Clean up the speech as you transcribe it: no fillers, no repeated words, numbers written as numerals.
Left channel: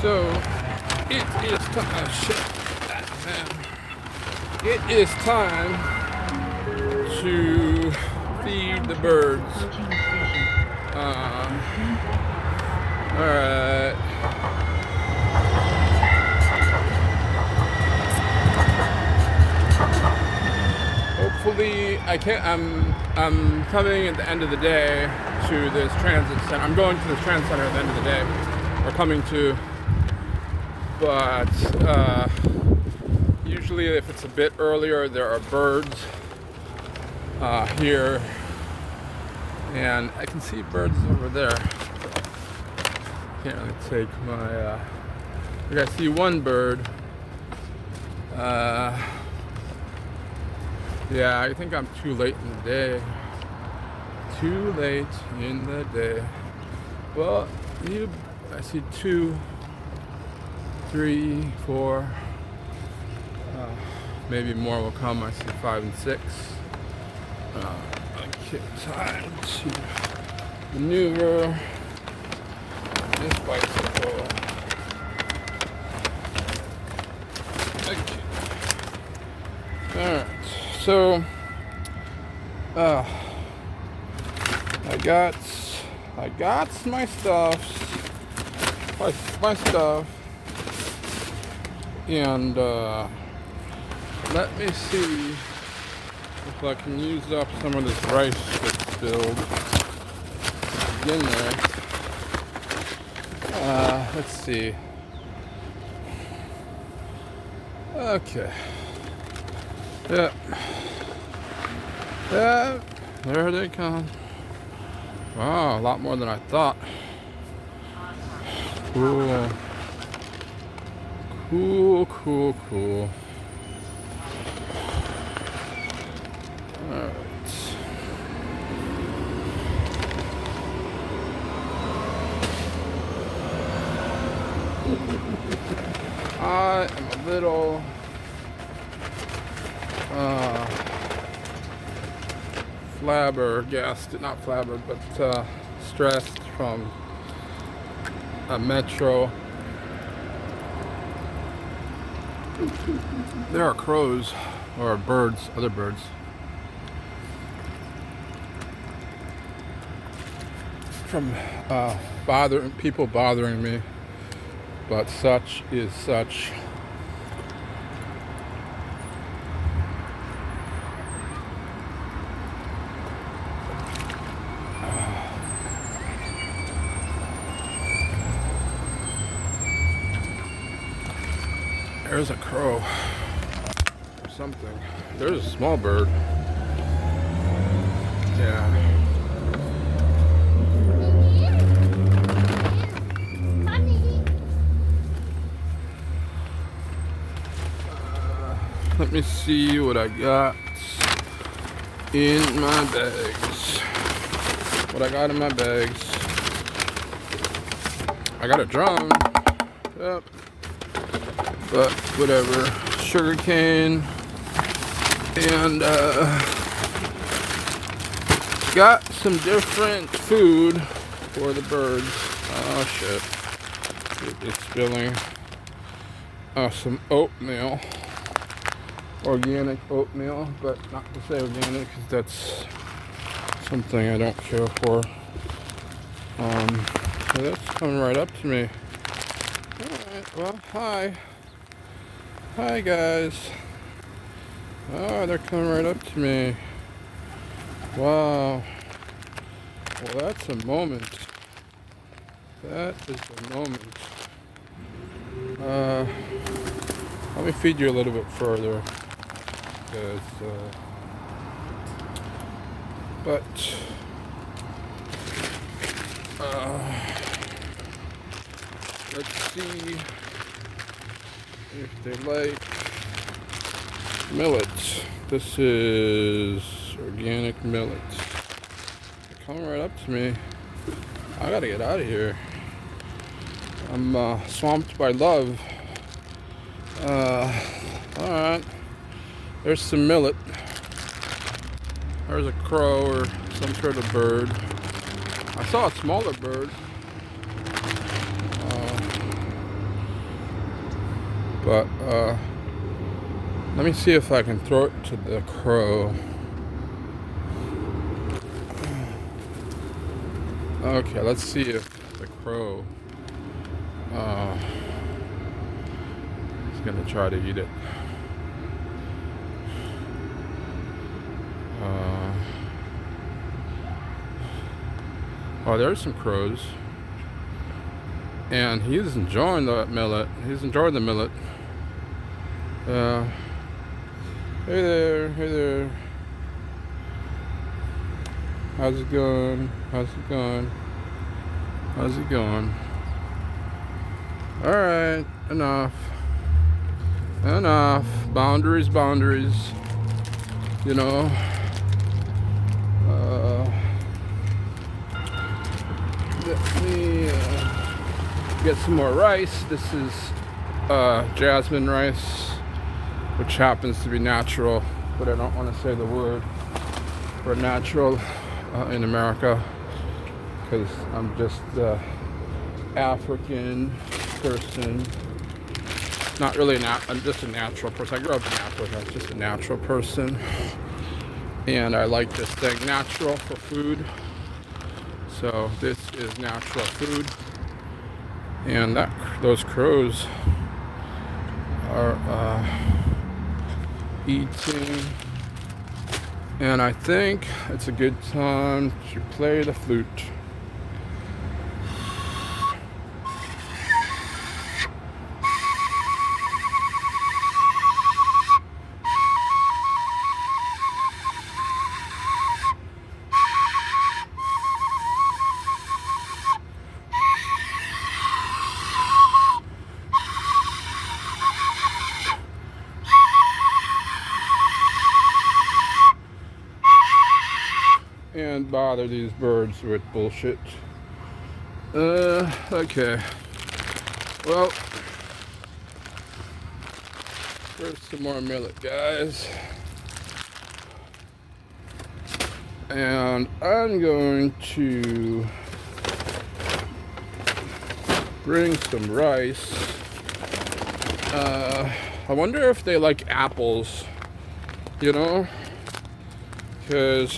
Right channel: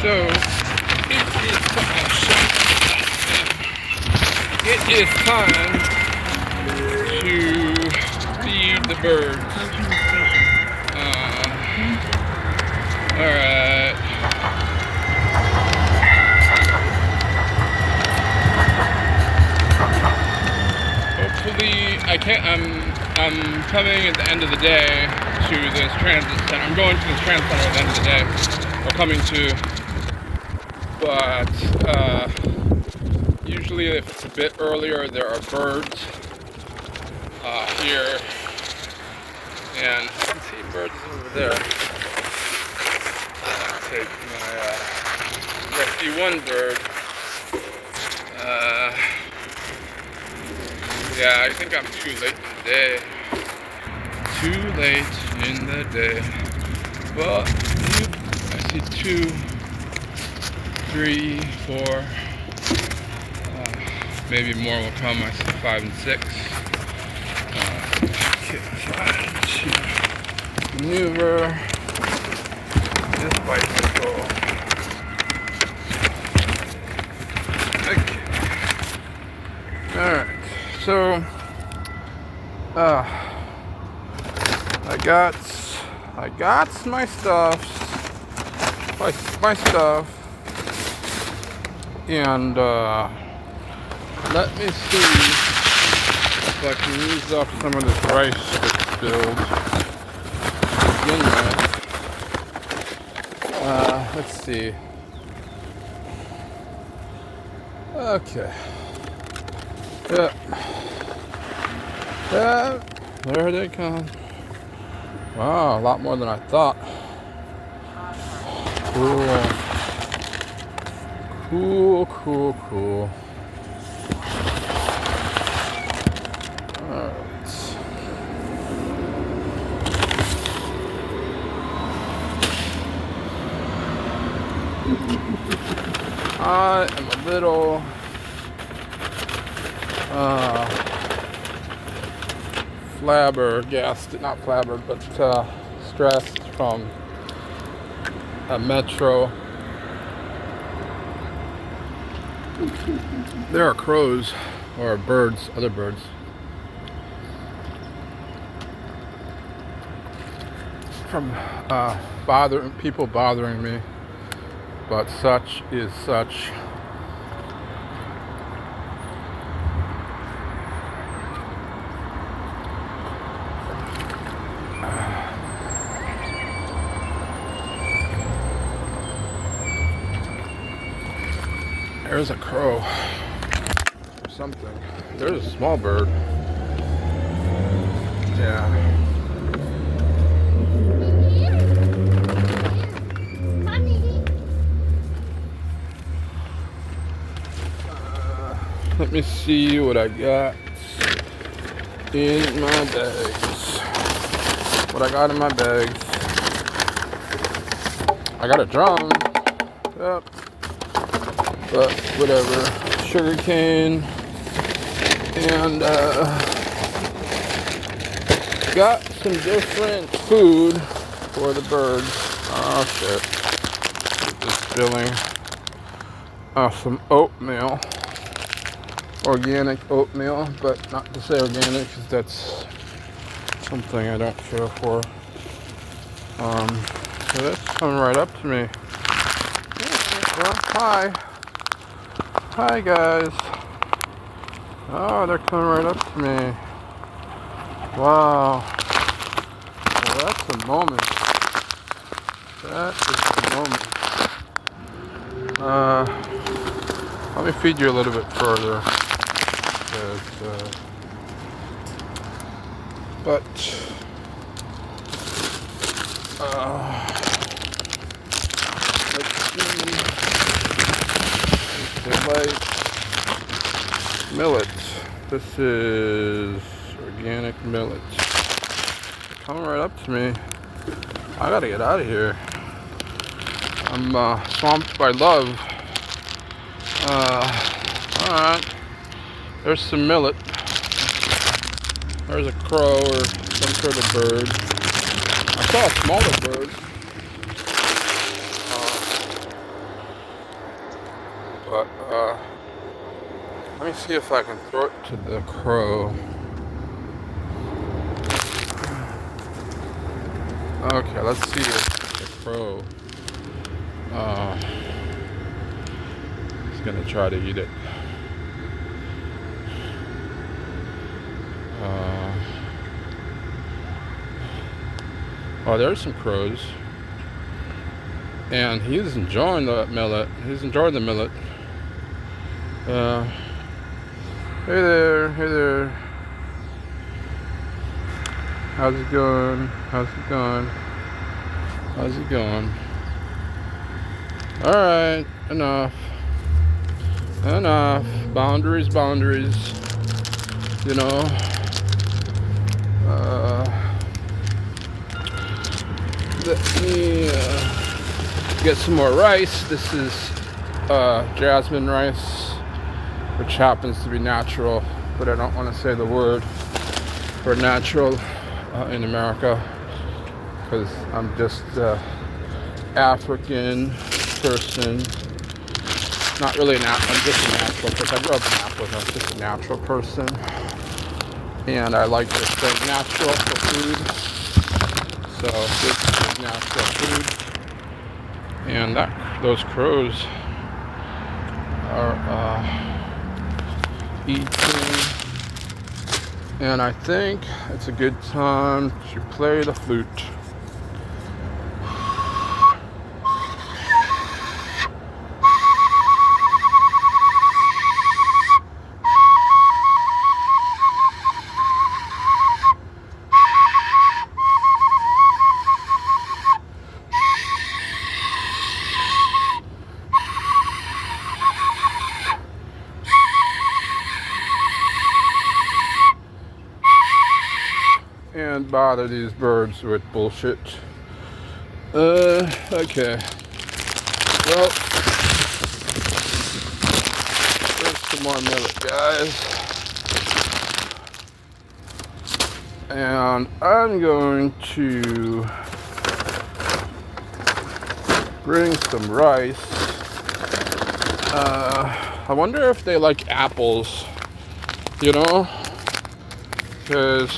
So it is time to feed the birds. Alright. Hopefully I'm coming at the end of the day to this transit center. I'm going to this transit center at the end of the day. Or coming to, but usually if it's a bit earlier there are birds here, and I can see birds over there. Take my I see one bird. Yeah, I think I'm too late in the day. Too late in the day. Well, I see 2, 3, 4. Maybe more will come. I see 5 and 6. Okay, trying to maneuver this bicycle. Okay. Alright. So I got my stuff, and let me see if I can use up some of this rice that's spilled to begin with. Let's see. Okay. Yeah, there they come. Wow, a lot more than I thought. Cool. Alright. I am a little stressed from a metro. There are crows or birds, other birds. From people bothering me, but such is such. There's a crow or something. There's a small bird. Yeah. Let me see what I got in my bags. I got a drum. Yep, whatever. Sugar cane. And got some different food for the birds. Oh shit. Just spilling some oatmeal. Organic oatmeal, but not to say organic because that's something I don't care for. So that's coming right up to me. Yeah, well, hi guys. Oh, they're coming right up to me. Wow. Well, that's a moment. That is a moment. Let me feed you a little bit further. But let's see. They like millet. This is organic millet. They're coming right up to me. I gotta get out of here. I'm swamped by love. Alright. There's some millet. There's a crow or some sort of bird. I saw a smaller bird. But let me see if I can throw it to the crow. Okay, let's see if the crow is gonna try to eat it. Oh, there's some crows. And he's enjoying the millet. He's enjoying the millet. Hey there, hey there. How's it going? How's it going? How's it going? Alright, enough. Enough. Boundaries, boundaries. You know. Let me get some more rice. This is jasmine rice, which happens to be natural, but I don't want to say the word for natural in America because I'm just an African person. Not really I'm just a natural person. I grew up in Africa. I'm just a natural person, and I like to stay natural for food. So this is natural food, and those crows are eating, and I think it's a good time to play the flute. And bother these birds with bullshit. Okay. Well, there's some more millet, guys. And I'm going to bring some rice. I wonder if they like apples, you know? Because